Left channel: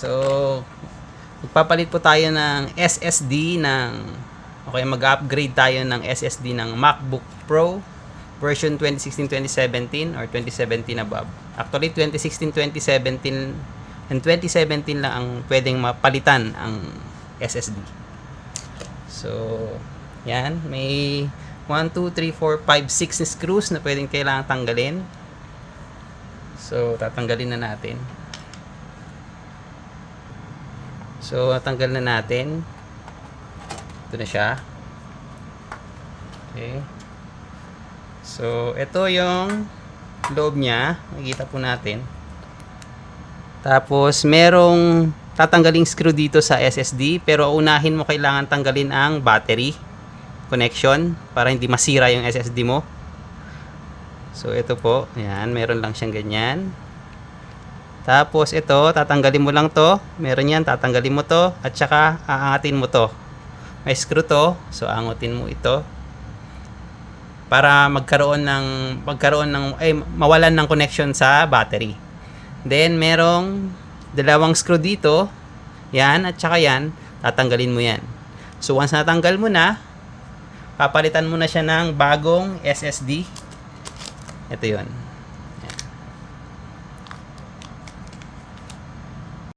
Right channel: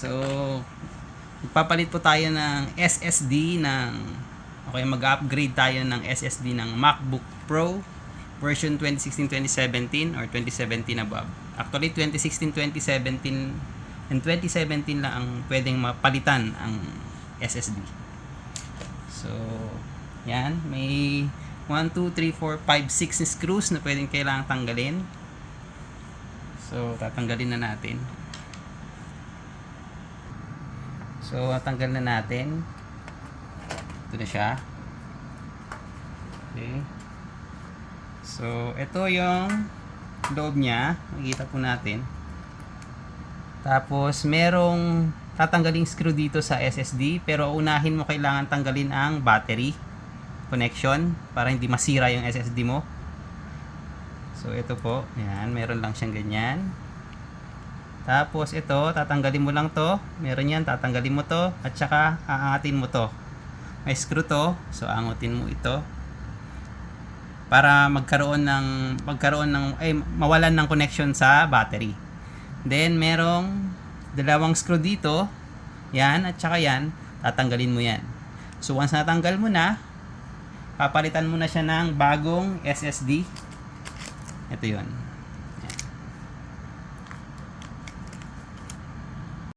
So, magpapalit po tayo ng SSD mag-upgrade tayo ng SSD ng MacBook Pro version 2016-2017 or 2017 above. Actually, 2016-2017 and 2017 lang ang pwedeng mapalitan ang SSD. So, yan. May 1, 2, 3, 4, 5, 6 screws na pwedeng kailangan tanggalin. So, tatanggalin na natin. So, tanggal na natin. Ito na siya. Okay. So, ito yung loob niya. Nakikita po natin. Tapos, merong tatanggaling screw dito sa SSD. Pero unahin mo kailangan tanggalin ang battery connection para hindi masira yung SSD mo. So, ito po. Ayan, meron lang siyang ganyan. Tapos, ito, tatanggalin mo lang to. Meron yan, tatanggalin mo to. At saka, aangatin mo to. May screw to. So, angutin mo ito. Para mawalan ng connection sa battery. Then, merong dalawang screw dito. Yan, at saka yan. Tatanggalin mo yan. So, once natanggal mo na, papalitan mo na siya ng bagong SSD. Ito yun.